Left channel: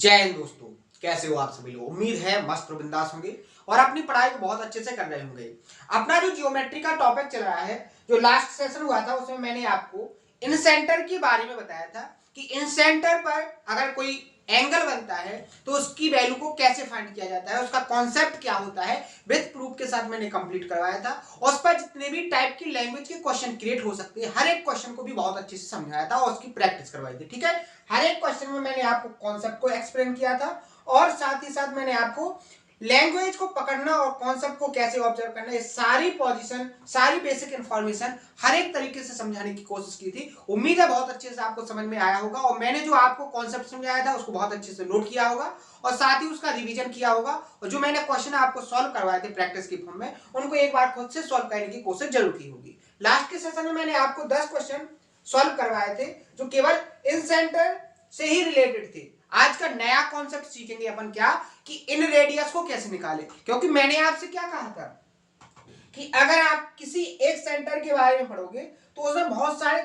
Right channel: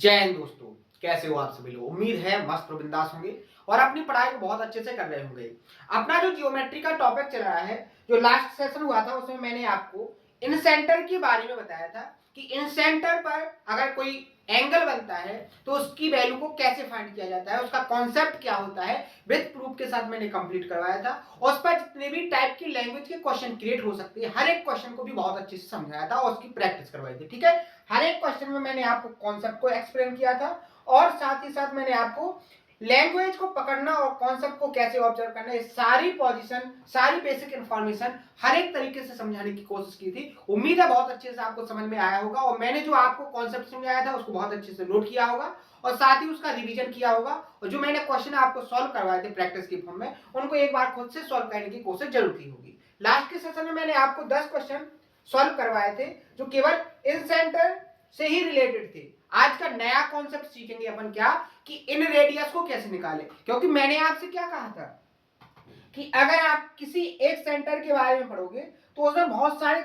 जय हिंद दोस्तों। कैसे हो आप सभी लोग। उम्मीद है मस्त और बिंदास होंगे और अपनी पढ़ाई को बहुत अच्छे से कर रहे होंगे। अपना जो जियोमेट्री का टॉपिक चल रहा है, जो लास्ट सेशन हुआ था उसमें मैंने आपको इन सेंटर के बारे में बताया था कि इन सेंटर पर अगर कोई एंगल बनता है तो उसकी वैल्यू को कैसे फाइंड किया जाता है, उसका कॉन्सेप्ट क्या होता है, विद प्रूफ के साथ मैंने कंप्लीट करवाया था। और उस पर जितने भी टाइप की लैंग्वेज के क्वेश्चन क्रिएट हो सकते हैं, हर एक क्वेश्चन को भी बहुत अच्छे से समझाया था और उसकी प्रैक्टिस करवाई थी। ठीक है, हर एक क्वेश्चन में मैंने आपको कॉन्सेप्ट को एक्सप्लेन किया था और साथ ही साथ मैंने आपको लैंग्वेज को पकड़ना और कॉन्सेप्ट को कैसे ऑब्जर्व करना, ये सारी पोजीशन, सारी बेसिक इंफॉर्मेशन हर एक तरीके से समझाने की कोशिश की थी। उम्मीद है बहुत अच्छे से आपको समझ में आया होगा और मैंने जो आपको कॉन्सेप्ट समझाया था उसको बहुत अच्छे से नोट किया होगा और साथ ही उसका रिवीजन किया होगा और जो मैंने क्वेश्चन आपको सॉल्व करवाए थे प्रैक्टिस की फॉर्म में, उनको एक बार खुद से सॉल्व करने की कोशिश जरूर की होगी। लास्ट के सेशन में मैंने आपको 10 क्वेश्चन सॉल्व करवाए थे जो केवल इन सेंटर से ही रिलेटेड थे। आज का नया कॉन्सेप्ट सीखेंगे अपन क्या कि इन रेडियस को कैसे निकालें, क्योंकि मैंने आपसे क्या कहा था कि अगर आप किसी एक सेंटर के बारे में पढ़ोगे तो उसमें बहुत सारे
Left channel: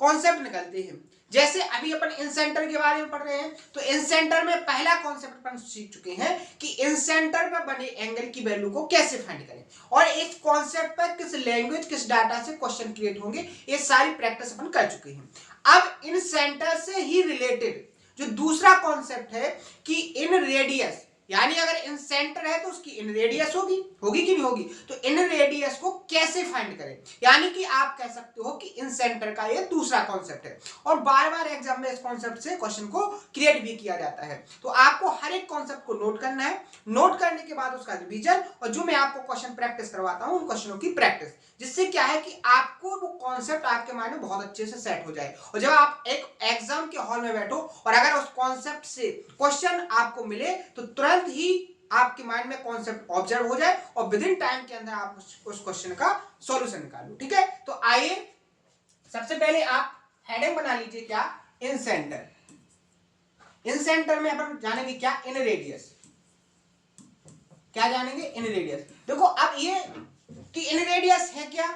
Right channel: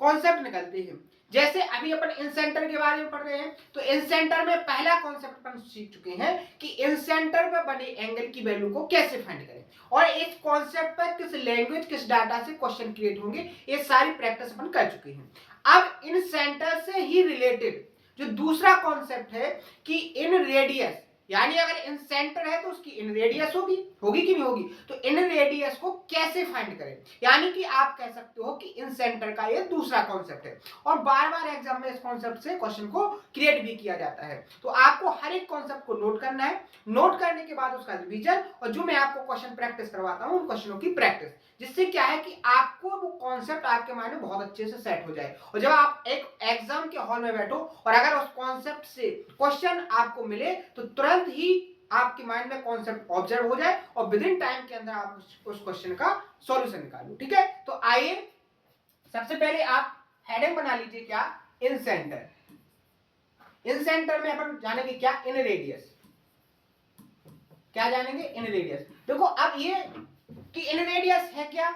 कॉन्सेप्ट निकलते हैं। जैसे अभी अपन इन सेंटर के बारे में पढ़ रहे हैं तो इन सेंटर में पहला कॉन्सेप्ट अपन सीख चुके हैं कि इन सेंटर पर बने एंगल की वैल्यू को कैसे फाइंड करें और इस कॉन्सेप्ट पर किस लैंग्वेज किस डाटा से क्वेश्चन क्रिएट होंगे, ये सारी प्रैक्टिस अपन कर चुके हैं। अब इन सेंटर से ही रिलेटेड जो दूसरा कॉन्सेप्ट है कि इन रेडियस, यानी अगर इन सेंटर है तो उसकी इन रेडियस होगी होगी कि नहीं होगी, तो इन रेडियस को कैसे फाइंड करें, यानी कि आप कह सकते हो कि इन सेंटर का ये दूसरा कॉन्सेप्ट है और बार बार एग्जाम में इस कॉन्सेप्ट से क्वेश्चन को क्रिएट भी किया जाता है। तो आपको हर एक कॉन्सेप्ट को नोट करना है, नोट करने के बाद उसका रिवीजन और जो मैं आपको क्वेश्चन प्रैक्टिस करवाता हूं उन क्वेश्चनों की प्रैक्टिस, जिससे क्या है कि आपको वो कॉन्सेप्ट आपके माइंड में बहुत अच्छे से सेट हो जाए और जब आप एक एग्जाम के हॉल में बैठो और अगर उस कॉन्सेप्ट से क्वेश्चन आपको मिले तो तुरंत ही आपके माइंड में कॉन्सेप्ट ऑब्जर्व हो जाए और विद इन टाइम के अंदर आप उस क्वेश्चन का सॉल्यूशन निकालो। ठीक है, तो आइए सबसे पहले आप हेडिंग बना लीजिए क्या, इन सेंटर। इन सेंटर में अपन जानेंगे क्या, इन रेडियस। क्या जानेंगे, इन रेडियस। देखो अब ये कि इन रेडियस है क्या,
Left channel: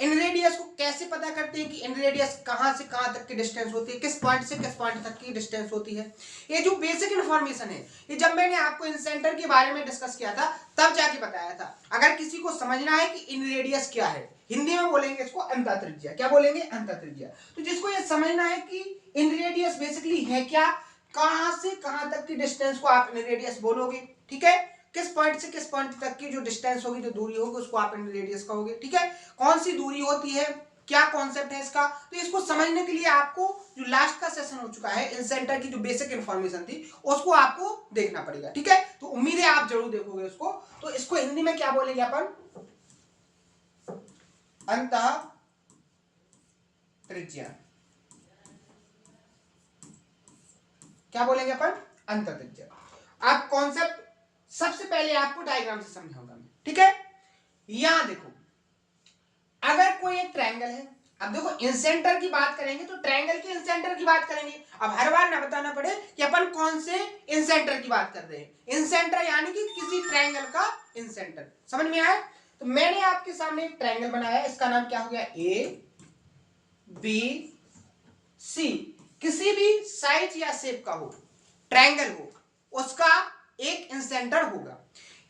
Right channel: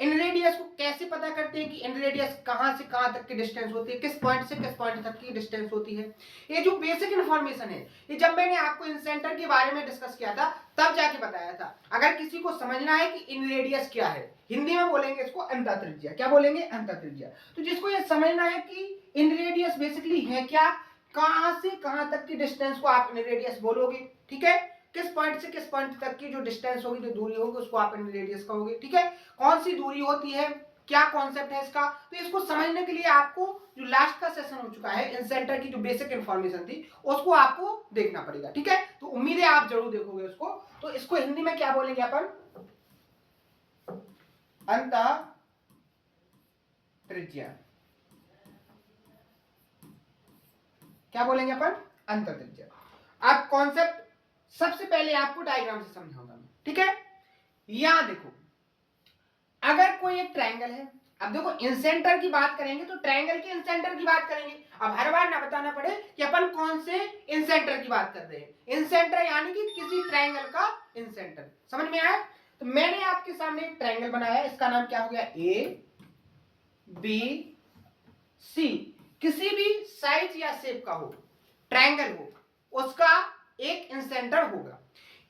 इन रेडियस को कैसे पता करते हैं कि इन रेडियस कहां से कहां तक की डिस्टेंस होती है, किस पॉइंट से किस पॉइंट तक की डिस्टेंस होती है, ये जो बेसिक इंफॉर्मेशन है ये जब मैंने आपको इन सेंटर के बारे में डिस्कस किया था तब जाके बताया था। अगर किसी को समझना है कि इन रेडियस क्या है, हिंदी में बोलेंगे इसको अंतः त्रिज्या। क्या बोलेंगे, अंतः त्रिज्या। तो जिसको ये समझना है कि इन रेडियस बेसिकली है क्या, कहां से कहां तक की डिस्टेंस को आप इन रेडियस बोलोगे, ठीक है, किस पॉइंट से किस पॉइंट तक की जो डिस्टेंस होगी, जो दूरी होगी, उसको आप इन रेडियस कहोगे। ठीक है, कौन सी दूरी होती है, क्या कॉन्सेप्ट है इसका, तो इसको समझने के लिए आपको जो लास्ट का सेशन हो चुका है इन सेंटर की जो बेसिक इंफॉर्मेशन थी उसको आपको देखना पड़ेगा। ठीक है, तो उम्मीद है आप जरूर देखोगे उसको। तो इसको हिंदी में क्या बोलेंगे अपन, अंतः त्रिज्या। क्या बोलेंगे अपन, अंतः त्रिज्या। आप कॉन्सेप्ट सबसे पहले आपको डायग्राम से समझाऊंगा मैं। ठीक है, यहां देखो अगर कोई एक ट्रायंगल है, अब देखो इन सेंटर की बात करेंगे तो ट्रायंगल के इन सेंटर की बात करेंगे। अब हर बार ना बताना पड़े कि अपन कौन से इन सेंटर की बात कर रहे हैं। इन सेंटर यानी कि किसी ट्रायंगल का इन सेंटर, समझ में आया। तो मैंने आपके सामने एक ट्रायंगल बनाया, इसका नाम क्या हो गया, ए बी सी। किसी भी साइज या शेप का हो, ट्रायंगल हो, उसका एक इन सेंटर होगा।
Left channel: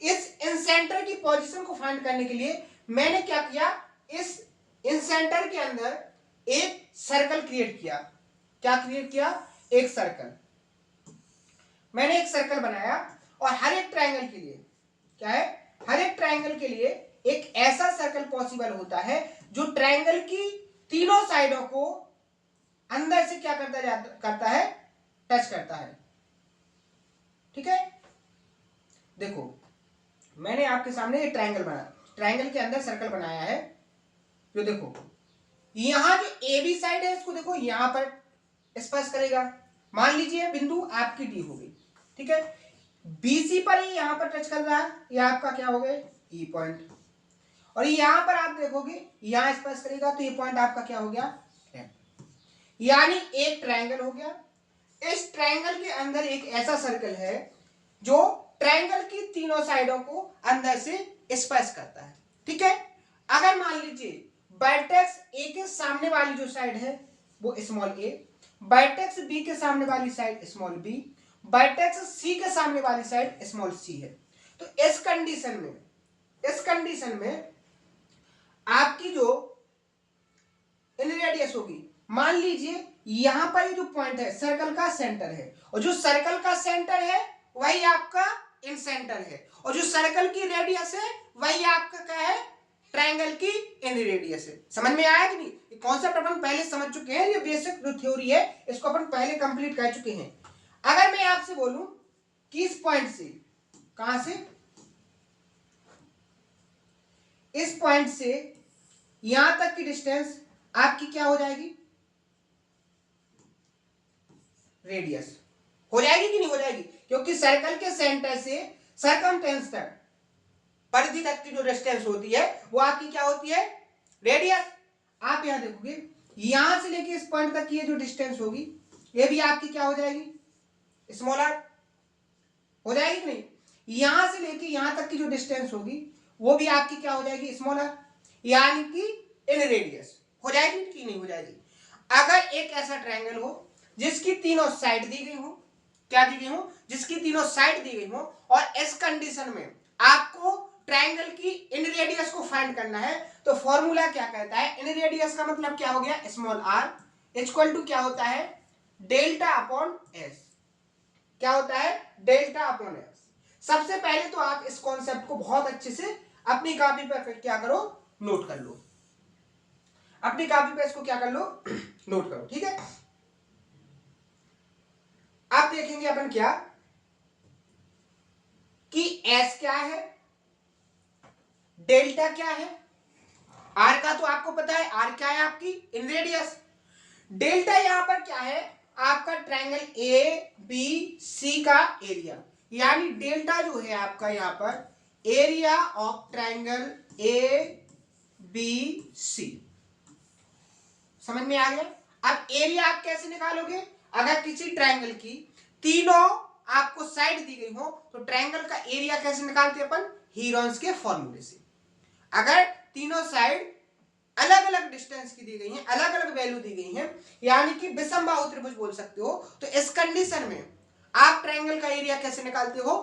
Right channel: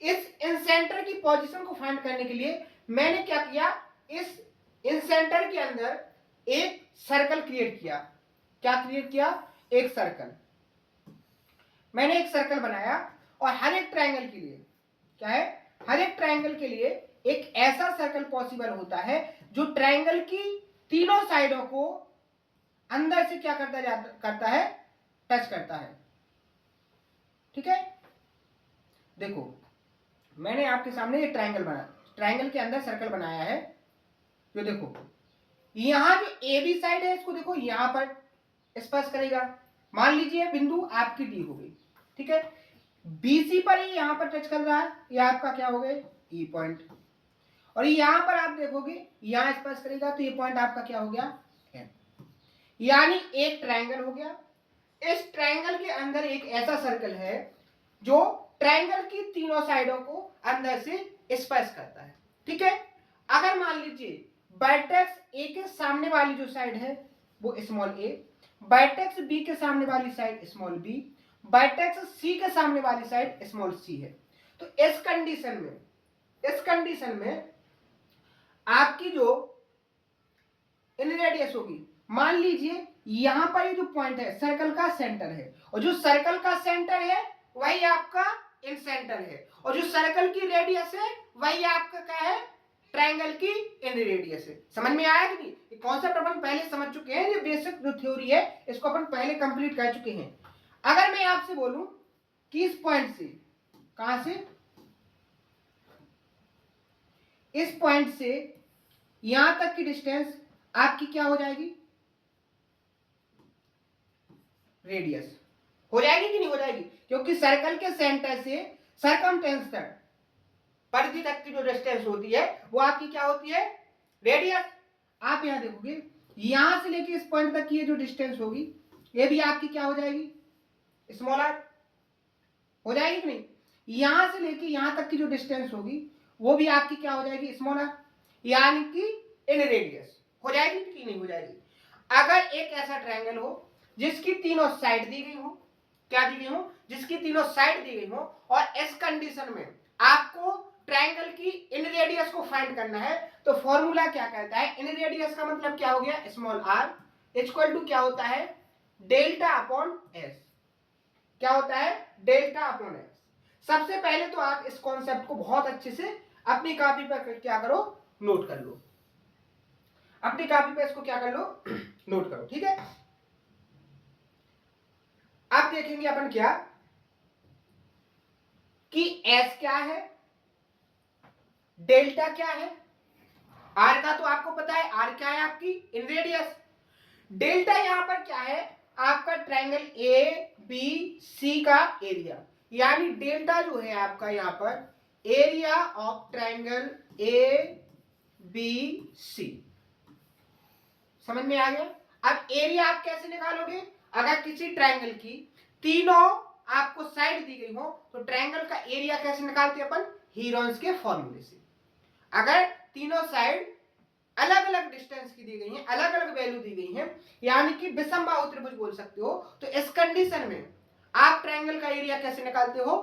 इस इन सेंटर की पोजीशन को फाइंड करने के लिए मैंने क्या किया, इस इन सेंटर के अंदर एक सर्कल क्रिएट किया। क्या क्रिएट किया, एक सर्कल। मैंने एक सर्कल बनाया और हर एक ट्रायंगल के लिए क्या है, हर एक ट्रायंगल के लिए एक ऐसा सर्कल पॉसिबल होता है जो ट्रायंगल की तीनों साइडों को अंदर से क्या करता है, टच करता है। ठीक है, देखो मैंने आपके सामने ये ट्रायंगल बना, ट्रायंगल के अंदर सर्कल बनाया है। जो देखो यहां जो ए बी साइड है इसको देखो यहां पर स्पर्श करेगा। मान लीजिए बिंदु आपकी डी हो गई, ठीक है, बीसी पर ही यहां पर टच कर रहा है, ये आपका क्या हो गया, ई पॉइंट। और यहां पर आप देखोगे यहां स्पर्श करेगा तो ये पॉइंट आपका क्या हो गया, एफ। यानी एक ट्रायंगल हो गया। इस ट्रायंगल के अंदर एक ऐसा सर्कल है जो ट्रायंगल की तीनों साइडों को अंदर से स्पर्श करता है। ठीक है, अगर मान लीजिए वर्टेक्स ए के सामने वाली जो साइड है वो स्मॉल ए, वर्टेक्स बी के सामने वाली साइड स्मॉल बी, वर्टेक्स सी के सामने वाली साइड स्मॉल सी है। तो इस कंडीशन में आपकी जो इन रेडियस होगी, मान लीजिए यहां पर ये जो पॉइंट है सर्कल का सेंटर है, और जो सर्कल का सेंटर है वही आपका इन सेंटर है, और जो सर्कल की रेडियस है वही आपका क्या है, ट्रायंगल की इन रेडियस है। समझ में आया कि नहीं? ये कॉन्सेप्ट अपन पहले समझ चुके हैं, ये बेसिक जो थ्योरी है इसको अपन पहले कंप्लीट कर चुके हैं। अगर मैं आपसे बोलूं कि इस पॉइंट से, कहां से, इस पॉइंट से यहां तक की डिस्टेंस आपकी क्या हो जाएगी, रेडियस हो जाएगी कि नहीं हो जाएगी? क्योंकि सर्कल के सेंटर से सर्कमटेंस तक, परिधि तक की जो डिस्टेंस होती है वो आपकी क्या होती है, रेडियस। आप यहां देखोगे यहां से लेके इस पॉइंट तक की ये जो डिस्टेंस होगी ये भी आपकी क्या हो जाएगी, स्मॉल आर हो जाएगी कि नहीं? यहां से लेके यहां तक की जो डिस्टेंस होगी वो भी आपकी क्या हो जाएगी, स्मॉल आर, यानी कि इन रेडियस हो जाएगी कि नहीं हो जाएगी? अगर एक ऐसा ट्रायंगल हो जिसकी तीनों साइड दी गई हो, क्या दी गई हो, जिसकी तीनों साइड दी गई हो, और इस कंडीशन में आपको ट्रायंगल की इन रेडियस को फाइंड करना है, तो फॉर्मूला क्या कहता है, इन रेडियस का मतलब क्या हो गया, स्मॉल आर इक्वल टू क्या होता है, डेल्टा अपॉन एस। क्या होता है, डेल्टा अपॉन एस। सबसे पहले तो आप इस कॉन्सेप्ट को बहुत अच्छे से अपनी कॉपी पर क्या करो, नोट कर लो, अपनी कॉपी पे इसको क्या कर लो, नोट करो, ठीक है? अब देखेंगे अपन क्या कि एस क्या है, डेल्टा क्या है, आर का तो आपको पता है, आर क्या है आपकी इन रेडियस, डेल्टा यहां पर क्या है, आपका ट्रायंगल ए बी सी का एरिया, यानी डेल्टा जो है आपका यहां पर area of triangle A B C. समझ में आ गया? अब एरिया आप कैसे निकालोगे, अगर किसी ट्रायंगल की तीनों आपको साइड दी गई हो तो ट्रायंगल का एरिया कैसे निकालते हैं अपन, हीरोन्स के फॉर्मूले से। अगर तीनों साइड अलग अलग डिस्टेंस की दी गई हैं, अलग अलग वैल्यू दी गई हैं, यानी कि विषमबाहु त्रिभुज बोल सकते हो, तो इस कंडीशन में आप ट्रायंगल का एरिया कैसे निकालते हो,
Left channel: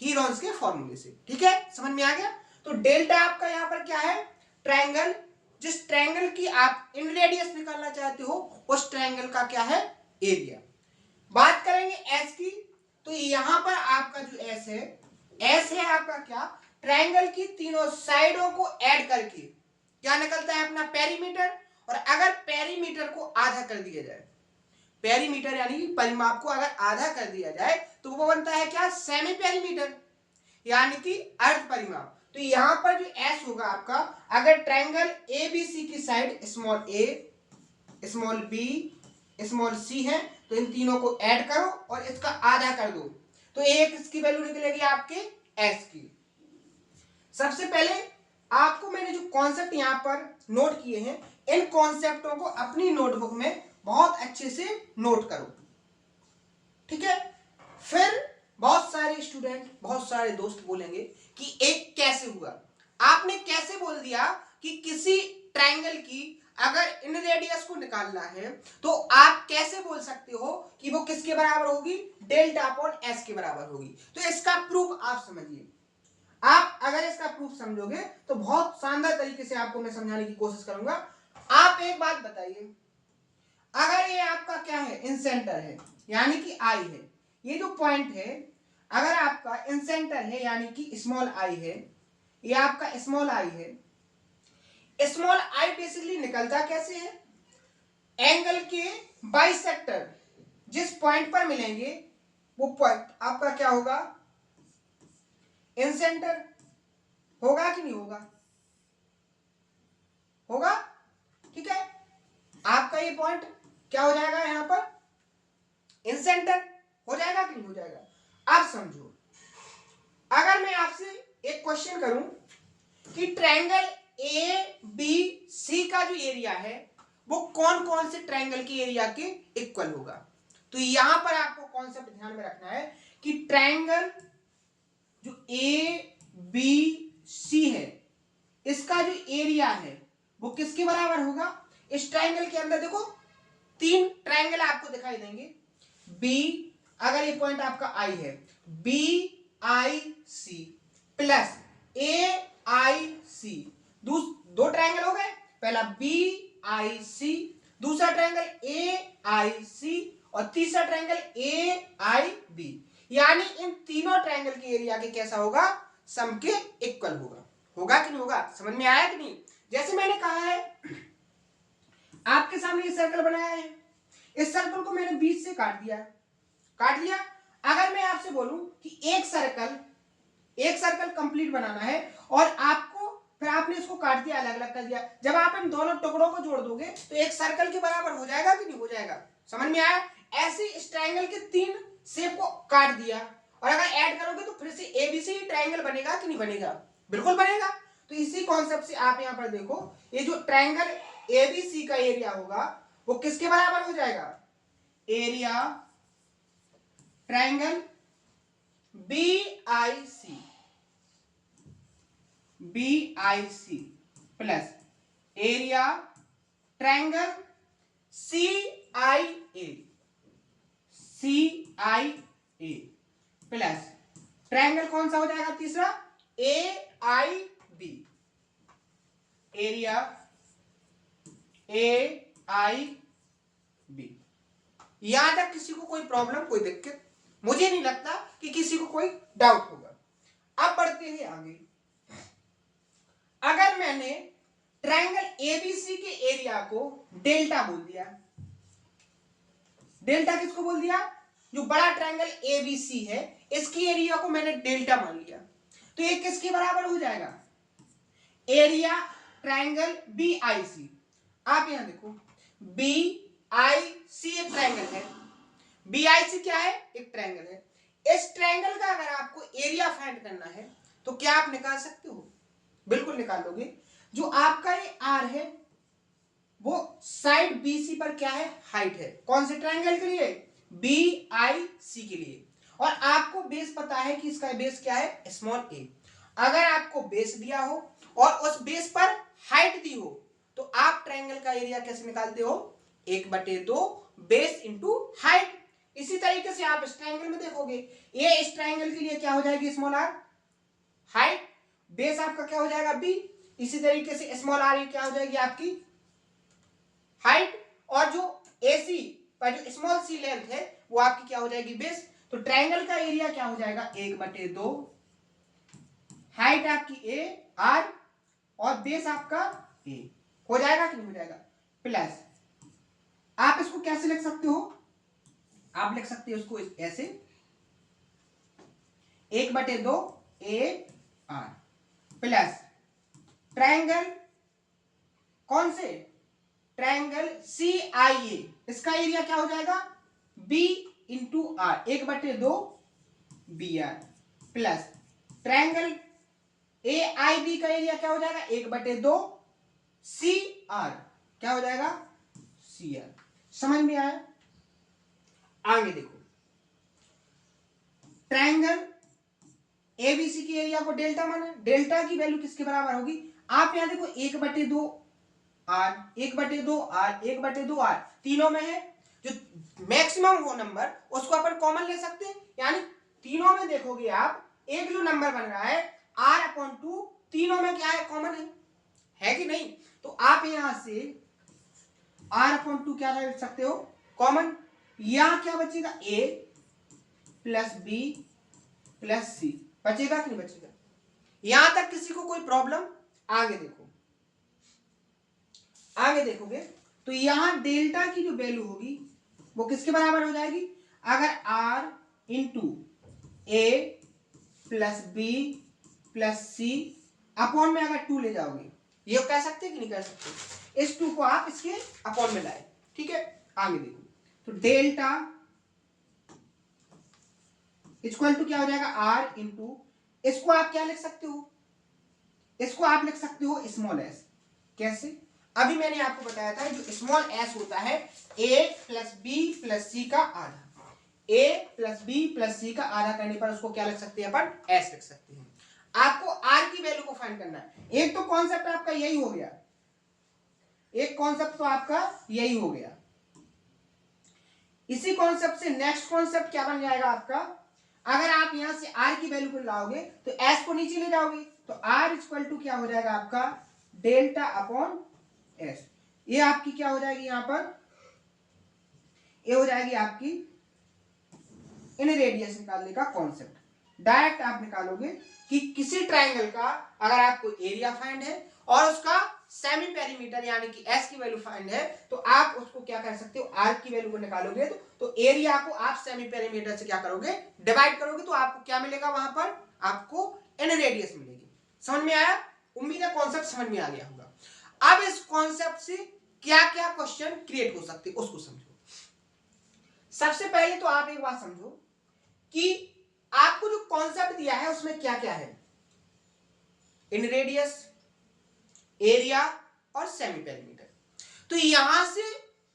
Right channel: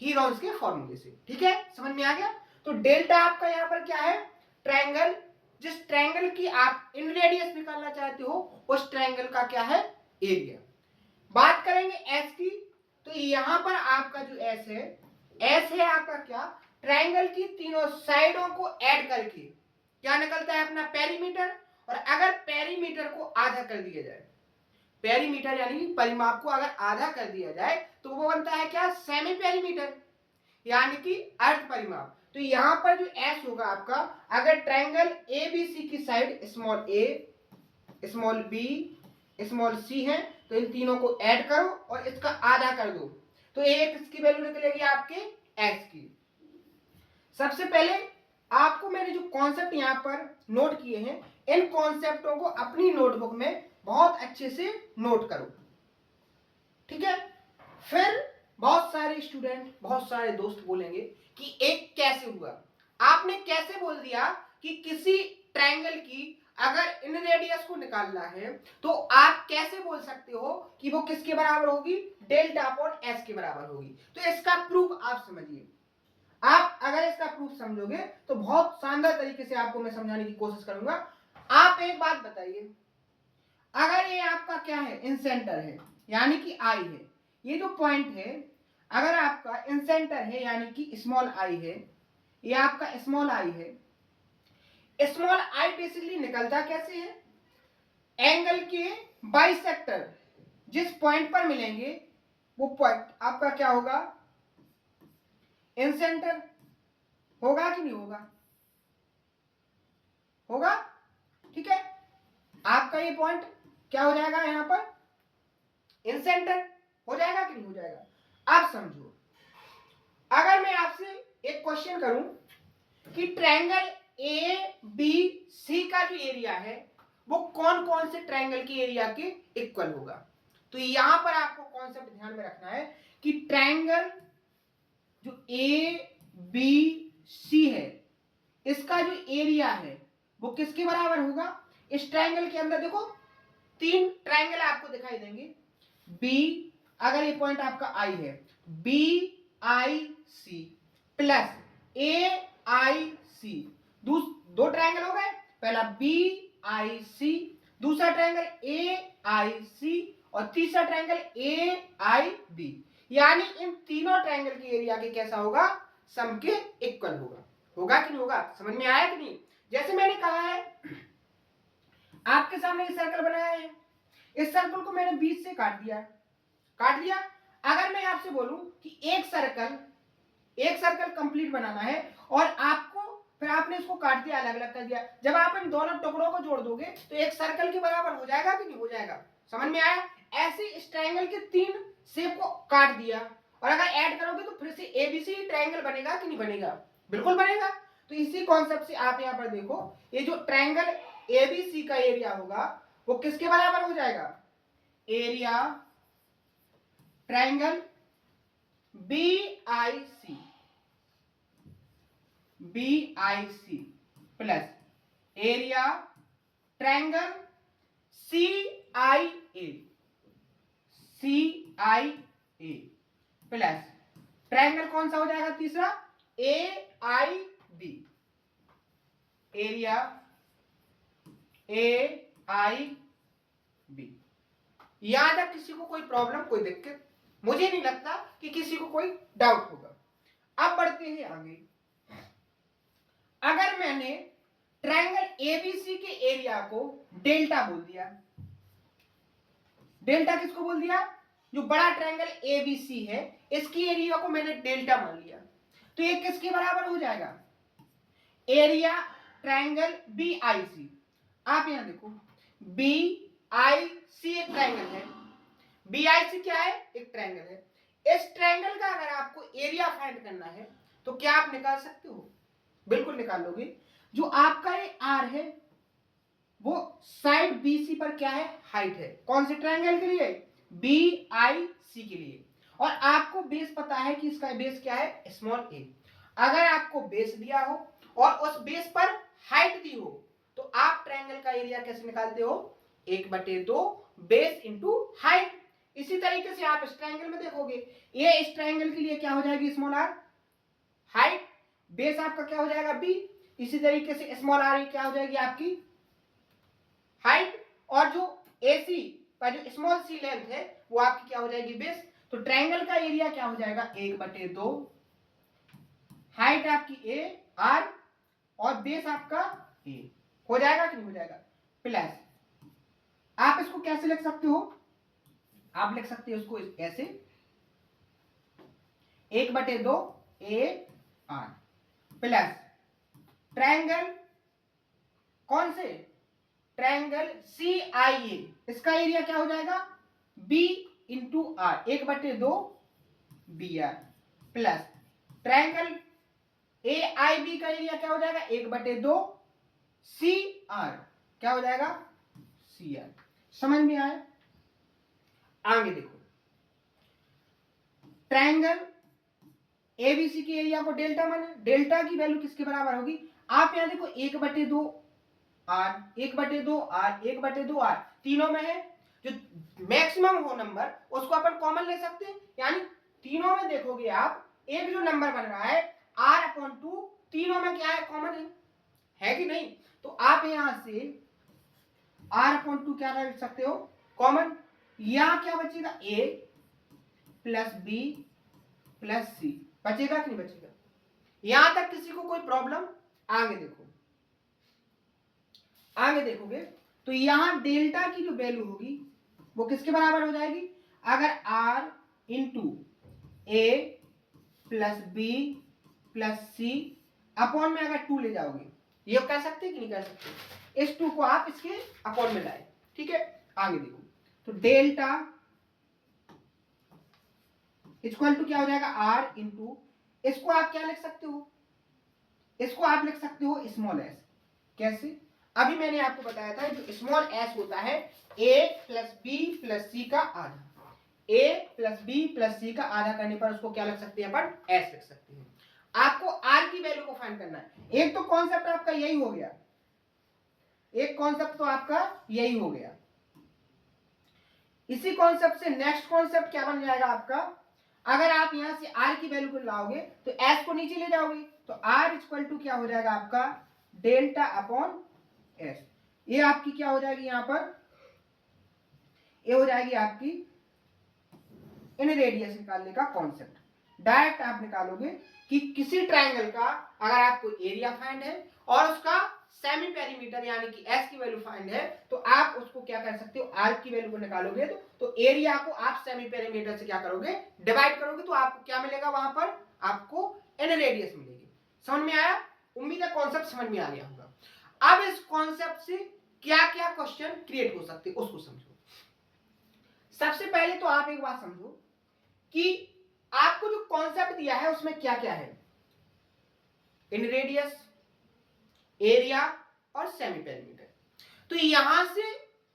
हीरोन्स के फॉर्मूले से। ठीक है, समझ में आ गया? तो डेल्टा आपका यहां पर क्या है, ट्रायंगल, जिस ट्रायंगल की आप इन रेडियस निकालना चाहते हो उस ट्रायंगल का क्या है, एरिया। बात करेंगे एस की, तो यहां पर आपका जो एस है आपका क्या, ट्रायंगल की तीनों साइडों को ऐड करके क्या निकलता है अपना, पेरीमीटर। और अगर पेरीमीटर को आधा कर दिया जाए, पेरीमीटर यानी परिमाप को अगर आधा कर दिया जाए तो वो बनता है क्या, सेमी पेरीमीटर, यानी कि अर्ध परिमाप। तो यहां पर जो एस होगा आपका, अगर ट्रायंगल ए बी सी की साइड स्मॉल ए स्मॉल बी स्मॉल सी है, तो इन तीनों को ऐड करो और इसका आधा कर दो, तो एक इसकी वैल्यू निकलेगी आपके एस की। सबसे पहले आपको मैंने जो कॉन्सेप्ट यहां पर नोट किए हैं, इन कॉन्सेप्टों को अपनी नोटबुक में बहुत अच्छे से नोट करो, ठीक है? फिर बहुत सारे स्टूडेंट, बहुत सारे दोस्त बोलेंगे कि एक कैसे हुआ, आपने कैसे बोल दिया कि किसी ट्रायंगल की अगर इन रेडियस को निकालना है तो आप कैसे बोल सकते हो कि वो किसके बराबर होगी, डेल्टा अपॉन एस के बराबर होगी? तो इसका प्रूफ आप समझिए। आप अगर इसका प्रूफ समझोगे तो बहुत शानदार तरीके से आपको मैं समझाने की कोशिश करूंगा। आप एक बात बताइए, अगर ये आपका क्या है, इन सेंटर है यानी कि आई है, ये जो पॉइंट है अगर आपका इन सेंटर है यानी कि स्मॉल आई है, ये आपका स्मॉल आई है, स्मॉल आई बेसिकली निकलता कैसे है, एंगल के बाइसेक्टर जिस पॉइंट पर मिलेंगे वो पॉइंट आपका क्या होगा, इन सेंटर होगा कि नहीं होगा, होगा, ठीक है? आपका ये पॉइंट क्या हो जाएगा, यहां पर इन सेंटर हो जाएगा कि नहीं हो जाएगा? अब समझो, अगर मैं आपसे एक क्वेश्चन करूं कि ट्रायंगल ए बी सी का जो एरिया है वो कौन कौन से ट्रायंगल के एरिया के इक्वल होगा, तो यहां पर आपको कॉन्सेप्ट ध्यान में रखना है कि ट्रायंगल जो ए बी सी है इसका जो एरिया है वो किसके बराबर होगा, इस ट्रायंगल के अंदर देखो तीन ट्रायंगल आपको दिखाई देंगे, बी अगर ये पॉइंट आपका आई है, बी आई सी प्लस ए आई सी, दो ट्रायंगल हो गए, पहला बी आई सी, दूसरा ट्रायंगल ए आई सी और तीसरा ट्रायंगल ए आई बी, यानी इन तीनों ट्रायंगल की एरिया के कैसा होगा, सम के इक्वल होगा। होगा कि नहीं होगा, समझ में आया कि नहीं? जैसे मैंने कहा है, आपके सामने ये सर्कल बनाया है, इस सर्कल को मैंने बीच से काट दिया, काट लिया। अगर मैं आपसे बोलूं कि एक सर्कल कंप्लीट बनाना है और आपको, फिर आपने इसको काट दिया, अलग अलग कर दिया, जब आप इन दोनों टुकड़ों को जोड़ दोगे तो एक सर्कल के बराबर हो जाएगा कि नहीं हो जाएगा, समझ में आया? ऐसे इस ट्रायंगल के तीन शेप को काट दिया और अगर ऐड करोगे तो फिर से एबीसी ट्रायंगल बनेगा कि नहीं बनेगा? बिल्कुल बनेगा। तो इसी कॉन्सेप्ट से आप यहां पर देखो, ये जो ट्रायंगल एबीसी का एरिया होगा वो किसके बराबर हो जाएगा? Area triangle BIC plus area triangle CIA plus triangle कौन सा हो जाएगा तीसरा? AIB, area AIB। यहां तक किसी को कोई प्रॉब्लम, कोई दिक्कत? मुझे नहीं लगता कि किसी को कोई डाउट होगा। अब बढ़ते हैं आगे। अगर मैंने ट्रायंगल एबीसी के एरिया को डेल्टा बोल दिया, डेल्टा किसको बोल दिया? जो बड़ा ट्रायंगल एबीसी है इसकी एरिया को मैंने डेल्टा मान लिया, तो ये किसके बराबर हो जाएगा? Area triangle BIC. आप यहां देखो, बीआईसी एक ट्रायंगल है, बीआईसी क्या है? एक ट्रायंगल है। इस ट्रायंगल का अगर आपको एरिया फाइंड करना है तो क्या आप निकाल सकते हो? बिल्कुल निकाल लोगे। जो आपका ये आर है वो साइड बीसी पर क्या है? हाइट है। कौन से ट्रायंगल के लिए? बीआईसी के लिए। और आपको बेस पता है कि इसका बेस क्या है? स्मॉल ए। अगर आपको बेस दिया हो और उस बेस पर हाइट दी हो तो आप ट्रायंगल का एरिया कैसे निकालते हो? 1/2 बेस इंटू हाइट। इसी तरीके से आप इस ट्रायंगल में देखोगे, ये इस ट्रायंगल के लिए क्या हो जाएगी? स्मॉल आर, हाइट, बेस आपका क्या हो जाएगा? बी। इसी तरीके से स्मॉल आर क्या हो जाएगी? आपकी हाइट, और जो एसी पर जो स्मॉल सी लेंथ है वो आपकी क्या हो जाएगी? बेस। तो ट्रायंगल का एरिया क्या हो जाएगा? 1/2, हाइट आपकी ए आर और बेस आपका ए। हो जाएगा कि नहीं हो जाएगा? प्लस आप इसको कैसे लिख सकते हो? आप लिख सकते हो इसको ऐसे, 1/2 ए आर प्लस ट्रायंगल, कौन से? ट्रायंगल CIA, इसका एरिया क्या हो जाएगा? B into R, 1/2 BR plus triangle AIB का एरिया क्या हो जाएगा? 1/2 CR, क्या हो जाएगा? CR। समझ में आया? आगे देखो, ट्रायंगल ABC की एरिया को डेल्टा माना, डेल्टा की वैल्यू किसके बराबर होगी? आप यहां देखो, 1/2 R, 1/2 R, 1/2 R, तीनों में है। जो मैक्सिमम हो नंबर उसको अपन कॉमन ले सकते हैं, यानी तीनों में देखोगे आप, एक जो नंबर बन रहा है R/2, तीनों में क्या है? कॉमन है कि नहीं? तो आप यहां से R/2 क्या लिख सकते हो? कॉमन। यहां क्या बचेगा? A plus B plus C बचेगा कि नहीं बचेगा? यहां तक किसी को कोई प्रॉब्लम? आगे देखो, आगे देखोगे तो यहां डेल्टा की जो वैल्यू होगी वो किसके बराबर हो जाएगी? अगर R इंटू ए प्लस बी प्लस सी अपॉन में अगर 2 ले जाओगे, ये कह सकते कि नहीं कह सकते? इस 2 को आप इसके अपॉन में लाए, ठीक है? आगे देखो, तो डेल्टा इक्वल टू क्या हो जाएगा? R इंटू, इसको आप क्या लिख सकते हो? इसको आप लिख सकते हो स्मॉल एस। कैसे? अभी मैंने आपको बताया था जो स्मॉल एस होता है a प्लस बी प्लस सी का आधा, a प्लस बी प्लस सी का आधा करने पर उसको क्या लिख सकते हैं अपन? एस लिख सकते हैं। आपको आर की वैल्यू को फाइंड करना है। एक तो कॉन्सेप्ट आपका यही हो गया, एक कॉन्सेप्ट तो आपका यही हो गया। इसी कॉन्सेप्ट से नेक्स्ट कॉन्सेप्ट क्या बन जाएगा आपका, अगर आप यहां से आर की वैल्यू को लाओगे तो एस को नीचे ले जाओगे तो आर इक्वल टू क्या हो जाएगा आपका डेल्टा अपॉन एस। ये आपकी क्या हो जाएगी यहां पर, ये हो जाएगी आपकी इन रेडियस निकालने का कॉन्सेप्ट। डायरेक्ट आप निकालोगे कि किसी ट्राइंगल का अगर आपको एरिया फाइंड है और उसका सेमी पेरीमीटर यानी कि एस की वैल्यू फाइंड है तो आप उसको क्या कर सकते हो, आर की वैल्यू को निकालोगे तो एरिया को आप सेमी पेरीमीटर से क्या करोगे, डिवाइड करोगे तो आपको क्या मिलेगा, वहां पर आपको एन रेडियस मिलेगी। समझ में आया? उम्मीद है कॉन्सेप्ट समझ में आ गया होगा। अब इस कॉन्सेप्ट से क्या क्या क्वेश्चन क्रिएट हो सकते उसको समझो। सबसे पहले तो आप एक बात समझो कि आपको जो कॉन्सेप्ट दिया है उसमें क्या क्या है, इन रेडियस, एरिया और सेमी पेरीमीटर। तो यहां से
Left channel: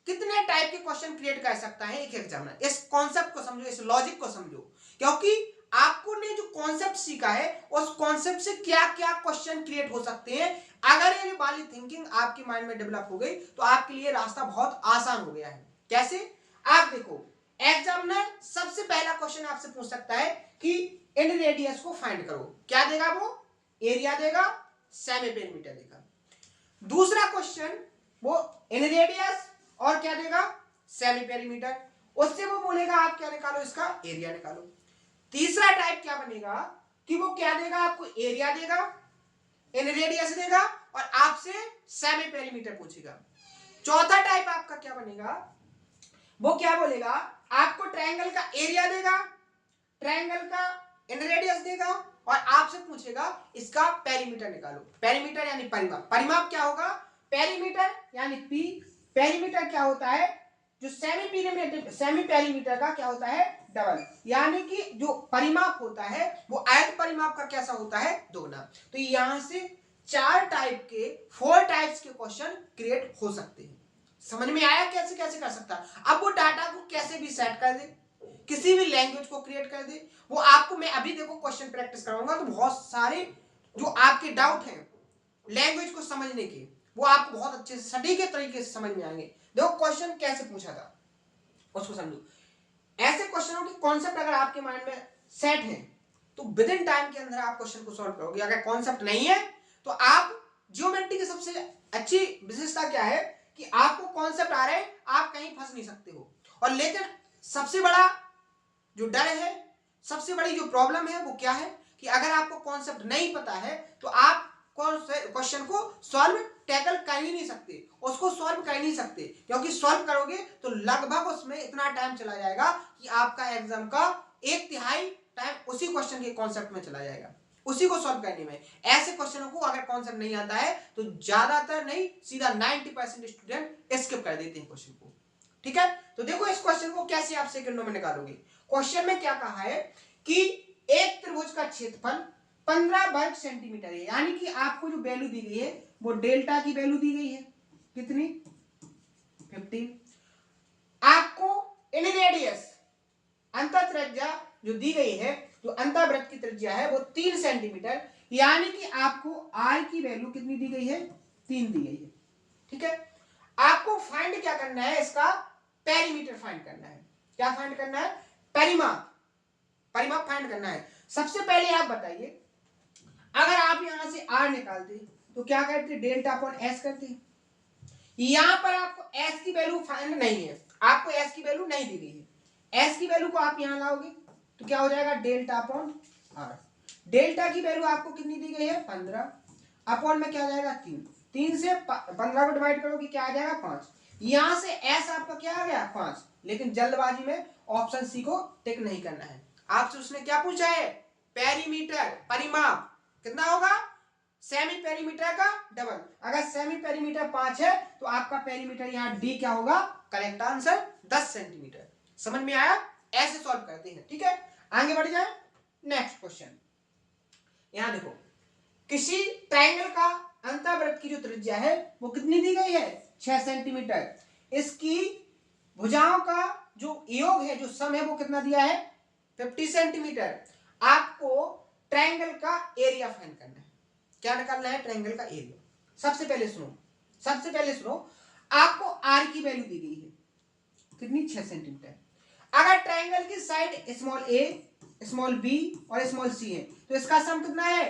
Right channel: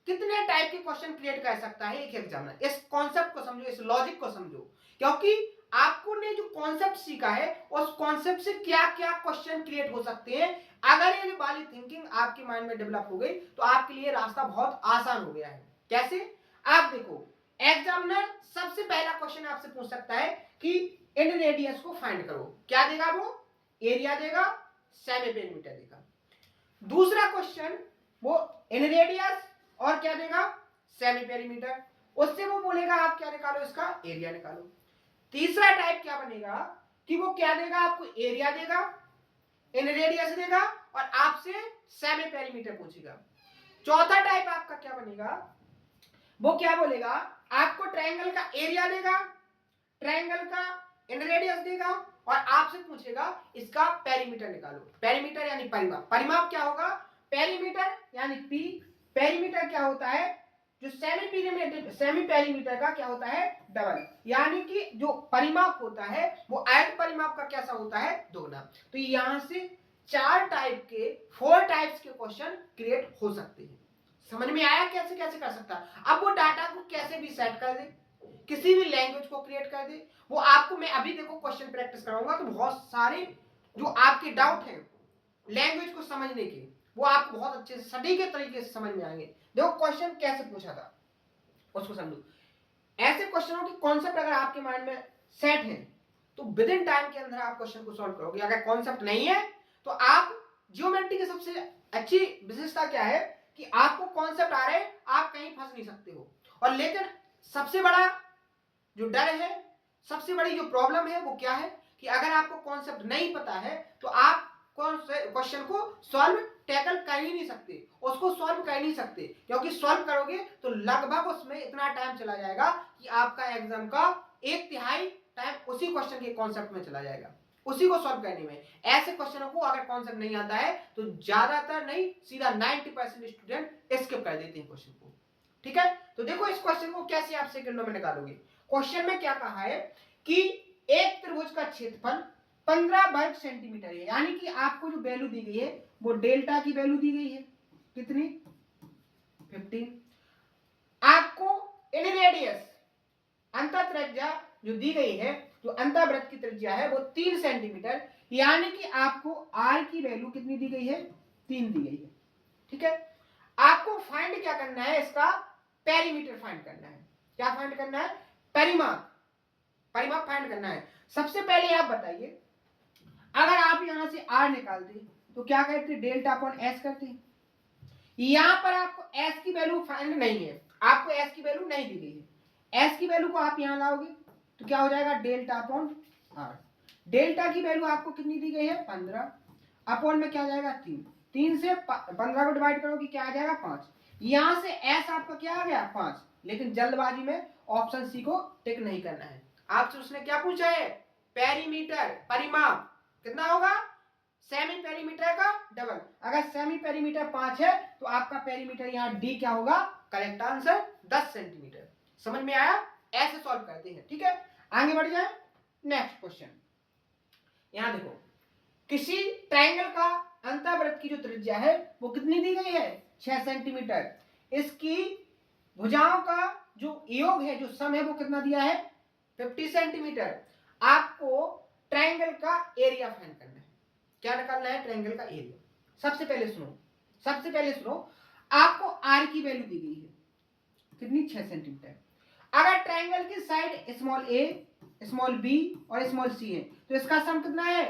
कितने टाइप के क्वेश्चन क्रिएट कर सकता है एक एग्जामिनर। इस कॉन्सेप्ट को समझो, इस लॉजिक को समझो, क्योंकि आपको ने जो कॉन्सेप्ट सीखा है उस कॉन्सेप्ट से क्या क्या क्वेश्चन क्रिएट हो सकते हैं। अगर ये वाली थिंकिंग आपके माइंड में डेवलप हो गई तो आपके लिए रास्ता बहुत आसान हो गया है। कैसे? आप देखो, एग्जामिनर सबसे पहला क्वेश्चन आपसे पूछ सकता है कि इन रेडियस को फाइंड करो। क्या देगा वो? एरिया देगा, सेमी पेरीमीटर देगा। दूसरा क्वेश्चन वो इन रेडियस और क्या देगा, सेमी पेरीमीटर। उससे वो बोलेगा आप क्या निकालो, इसका एरिया निकालो। तीसरा टाइप क्या बनेगा कि वो क्या देगा, आपको एरिया देगा, इन रेडियस देगा और आपसे सेमी पेरीमीटर पूछेगा। चौथा टाइप आपका क्या बनेगा, वो क्या बोलेगा, आपको ट्रायंगल का एरिया देगा, ट्रायंगल का इन रेडियस देगा और आपसे पूछेगा इसका पेरीमीटर निकालो। पेरीमीटर यानी परिमाप। परिमाप क्या होगा, पेरीमीटर यानी पी। पेरीमीटर क्या होता है, जो सेमी पेरीमीटर का क्या होता है, डबल। यानी कि जो परिमाप होता है वो आयत परिमाप का कैसा होता है, दोगुना। तो यहां से 4 टाइप के 4 टाइप्स के क्वेश्चन क्रिएट हो सकते हैं। समझ में आया कैसे कैसे कर सकता है। अब वो डाटा को कैसे भी सेट कर दे, किसी भी लैंग्वेज को क्रिएट कर दे, वो आपको मैं अभी देखो क्वेश्चन प्रैक्टिस कराऊंगा तो बहुत सारे जो आपके डाउट हैं लैंग्वेज को समझने के वो आपको बहुत अच्छे से सटीक तरीके से समझ में आएंगे। देखो क्वेश्चन कैसे पूछा था उसको समझो। ऐसे क्वेश्चनों की कॉन्सेप्ट अगर आपके माइंड में सेट है तो विद इन टाइम के अंदर आप क्वेश्चन को सॉल्व करोगे। अगर कॉन्सेप्ट नहीं है तो आप, ज्योमेट्री की सबसे अच्छी विशेषता क्या है कि आपको कॉन्सेप्ट आ रहे हैं, आप कहीं फंस नहीं सकते हो। और लेकिन सबसे बड़ा जो डर है, सबसे बड़ी जो प्रॉब्लम है वो क्या है कि अगर आपको कॉन्सेप्ट नहीं पता है तो आप क्वेश्चन को सॉल्व टैकल कर ही नहीं सकते, उसको सॉल्व कर ही नहीं सकते, क्योंकि सॉल्व करोगे तो लगभग उसमें इतना टाइम चला जाएगा कि आपका एग्जाम का 1/3 टाइम उसी क्वेश्चन के कॉन्सेप्ट में चला जाएगा, उसी को सॉल्व करने में। ऐसे क्वेश्चनों को अगर कॉन्सेप्ट नहीं आता है तो ज्यादातर नहीं, सीधा 90% स्टूडेंट स्किप कर देते हैं क्वेश्चन को। ठीक है, तो देखो इस क्वेश्चन को कैसे आप सेकंडों में निकालोगे। क्वेश्चन में क्या कहा है कि एक त्रिभुज का क्षेत्रफल 15 वर्ग सेंटीमीटर है, यानी कि आपको जो वैल्यू दी गई है वो डेल्टा की वैल्यू दी गई है कितनी, 15। आपको इन रेडियस अंतर त्रिज्या जो दी गई है, जो अंतःवृत्त की त्रिज्या है वो 3 सेंटीमीटर, यानी कि आपको आर की वैल्यू कितनी दी गई है, 3 दी गई है। ठीक है, आपको फाइंड क्या करना है, इसका पेरीमीटर फाइंड करना है। क्या फाइंड करना है, परिमाप। परिमाप फाइंड करना है। सबसे पहले आप बताइए, अगर आप यहां से आर निकालते तो क्या करते, डेल्टा अपॉन एस करते। यहां पर आपको एस की वैल्यू फाइंड नहीं है, आपको एस की वैल्यू नहीं दी गई है। एस की वैल्यू को आप यहां लाओगे तो क्या हो जाएगा, डेल्टा अपॉन आर। डेल्टा की वैल्यू आपको कितनी दी गई है, 15, अपॉन में क्या हो जाएगा, 3। 3 से 15 को डिवाइड करोगे क्या आ जाएगा, 5। यहां से एस आपका क्या आ गया, 5। लेकिन जल्दबाजी में ऑप्शन सी को टिक नहीं करना है। आपसे उसने क्या पूछा है, पेरीमीटर, परिमाप कितना होगा, सेमी पेरीमीटर का डबल। अगर सेमी पेरीमीटर 5 है तो आपका पेरीमीटर यहां डी क्या होगा, करेक्ट आंसर 10 सेंटीमीटर। समझ में आया, ऐसे सॉल्व करते हैं। ठीक है, आगे बढ़ जाए। नेक्स्ट क्वेश्चन, यहां देखो, किसी ट्रायंगल का अंतःवृत्त की जो त्रिज्या है वो कितनी दी गई है, 6 सेंटीमीटर। इसकी भुजाओं का जो योग है, जो सम है वो कितना दिया है, 50 सेंटीमीटर। आपको ट्रायंगल का एरिया फाइंड करना है। क्या निकालना है, ट्रायंगल का एरिया। सबसे पहले सुनो, आपको आर की वैल्यू दी गई है कितनी 6 सेंटीमीटर। अगर ट्राइंगल की साइड स्मॉल ए स्मॉल बी और स्मॉल सी है तो इसका सम कितना है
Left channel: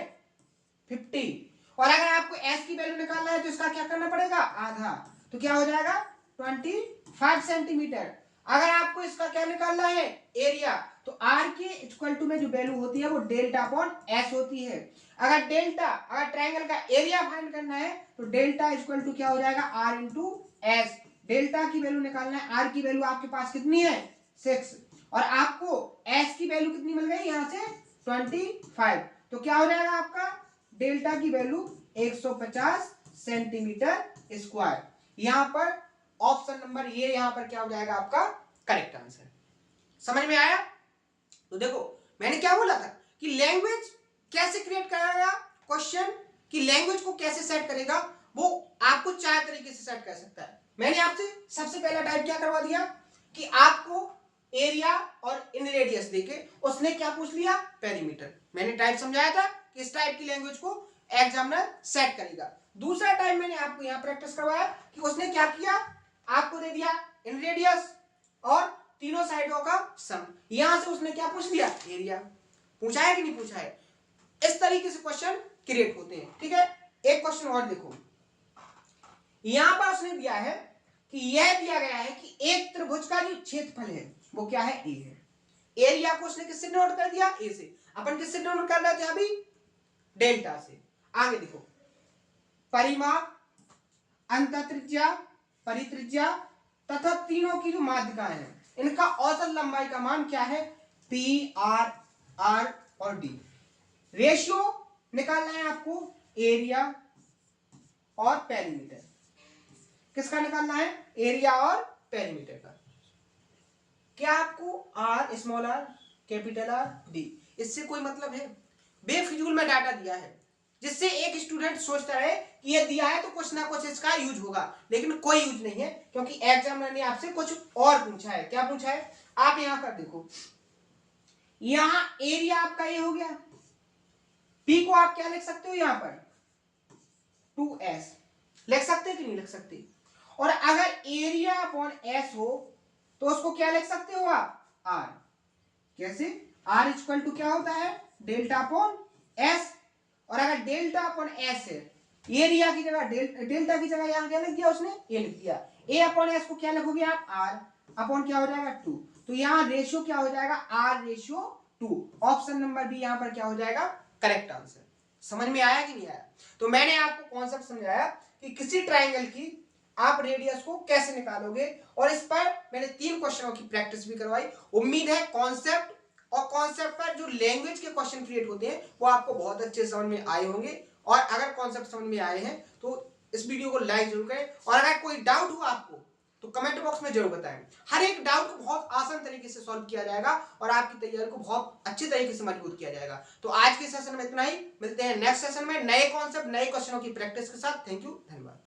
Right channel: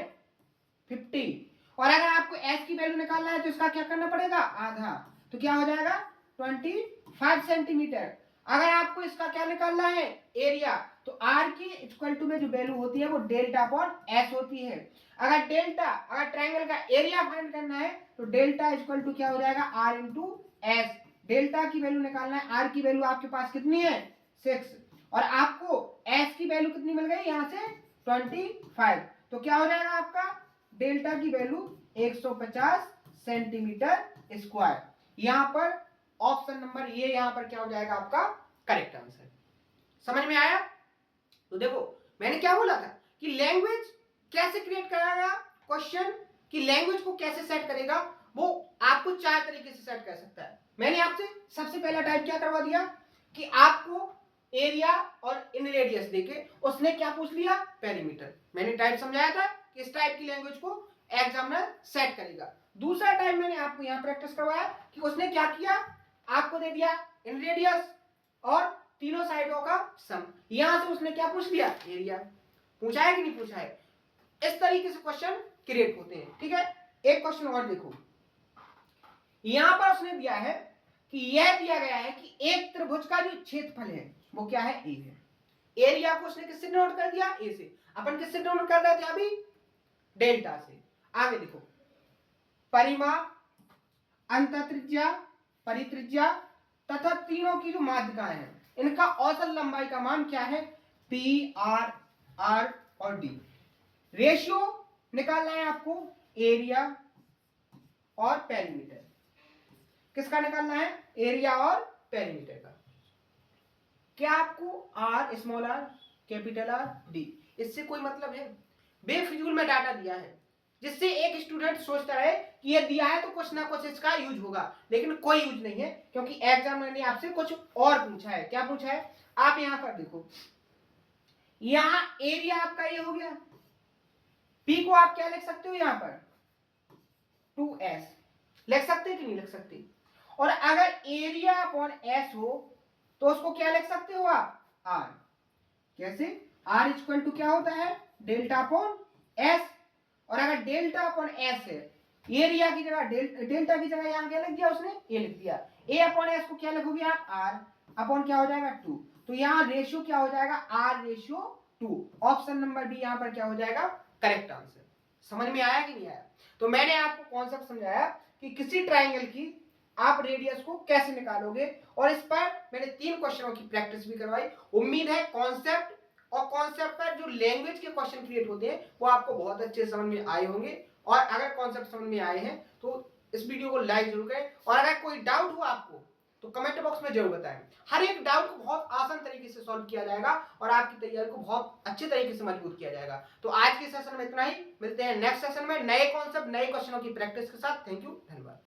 50। और अगर आपको एस की वैल्यू निकालना है तो इसका क्या करना पड़ेगा आधा, तो क्या हो जाएगा 25 सेंटीमीटर। अगर आपको इसका क्या निकालना है एरिया, तो आर के इक्वल टू में जो वैल्यू होती है वो डेल्टा अपॉन एस होती है। अगर ट्राइंगल का एरिया फाइंड करना है तो डेल्टा इक्वल टू क्या हो जाएगा आर इंटू एस। डेल्टा की वैल्यू निकालना है, आर की वैल्यू आपके पास कितनी है 6 और आपको एस की वैल्यू कितनी मिल गई यहां से 25, तो क्या हो जाएगा आपका डेल्टा की वैल्यू 150 सेंटीमीटर स्क्वायर। यहां पर ऑप्शन नंबर ये यहां पर क्या हो जाएगा आपका करेक्ट आंसर। समझ में आया? तो देखो मैंने क्या बोला था कि लैंग्वेज कैसे क्रिएट करेगा, क्वेश्चन की लैंग्वेज को कैसे सेट करेगा, वो आपको 4 तरीके से सेट कर सकता है। मैंने आपसे सबसे पहला टाइप क्या करवा दिया कि आपको एरिया और इन रेडियस देके उसने क्या पूछ लिया पेरीमीटर। मैंने टाइप समझाया था कि इस टाइप की लैंग्वेज को एग्जामिनर सेट करेगा। दूसरा टाइप मैंने आपको यहां प्रैक्टिस करवाया कि उसने क्या किया, आपको दे दिया इन रेडियस और तीनों साइडों का सम, यहां से उसने क्या पूछ लिया एरिया। पूछा है कि नहीं पूछा है? इस तरीके से क्वेश्चन क्रिएट होते हैं। ठीक है, एक क्वेश्चन और देखो, यहां पर उसने दिया है कि यह दिया गया है कि एक त्रिभुज का जो क्षेत्रफल है वो क्या है ए है। एरिया को उसने किससे डिनोट कर दिया ए से, अपन किससे डिनोट कर रहे थे अभी डेल्टा से। आगे देखो परिमाप, अंतःत्रिज्या, परित्रिज्या तथा तीनों की जो माध्यिकाएं हैं इनका औसत लंबाई का मान क्या है पी आर आर और डी। रेशियो निकालना है आपको एरिया और पेरीमीटर। किसका निकालना है एरिया और पेरीमीटर का। क्या आपको R small R capital R D इससे कोई मतलब है? बेफिजूल में डाटा दिया है जिससे एक स्टूडेंट सोचता है कि ये दिया है तो कुछ ना कुछ इसका यूज होगा, लेकिन कोई यूज नहीं है क्योंकि एग्जामिनर ने आपसे कुछ और पूछा है। क्या पूछा है आप यहां पर देखो, यहां एरिया आपका ये हो गया, पी को आप क्या लिख सकते हो यहां पर 2s लिख सकते हैं कि नहीं लिख सकते। और अगर एरिया अपॉन एस हो तो उसको क्या लिख सकते हो आप आर। कैसे? आर इक्वल टू क्या होता है डेल्टा अपॉन एस, और अगर डेल्टा अपॉन एस है एरिया की जगह डेल्टा की जगह यहां क्या लिख दिया उसने ए लिख दिया, ए अपॉन एस को क्या लिखोगे आप आर अपॉन क्या हो जाएगा 2, तो यहां रेशियो क्या हो जाएगा R ratio 2। Option number B यहां पर क्या हो जाएगा करेक्ट आंसर। समझ में आया कि नहीं आया? तो मैंने आपको कॉन्सेप्ट समझाया कि किसी ट्राइंगल की आप रेडियस को कैसे निकालोगे, और इस पर मैंने 3 क्वेश्चनों की प्रैक्टिस भी करवाई। उम्मीद है कॉन्सेप्ट और कॉन्सेप्ट पर जो लैंग्वेज के क्वेश्चन क्रिएट होते हैं वो आपको बहुत अच्छे समझ में आए होंगे। और अगर कॉन्सेप्ट समझ में आए हैं तो इस वीडियो को लाइक जरूर करें, और अगर कोई डाउट हो आपको तो कमेंट बॉक्स में जरूर बताएं। हर एक डाउट को बहुत आसान तरीके से सॉल्व किया जाएगा और आपकी तैयारी को बहुत अच्छे तरीके से मजबूत किया जाएगा। तो आज के सेशन में इतना ही, मिलते हैं नेक्स्ट सेशन में नए कॉन्सेप्ट नए क्वेश्चनों की प्रैक्टिस के साथ। थैंक यू, धन्यवाद।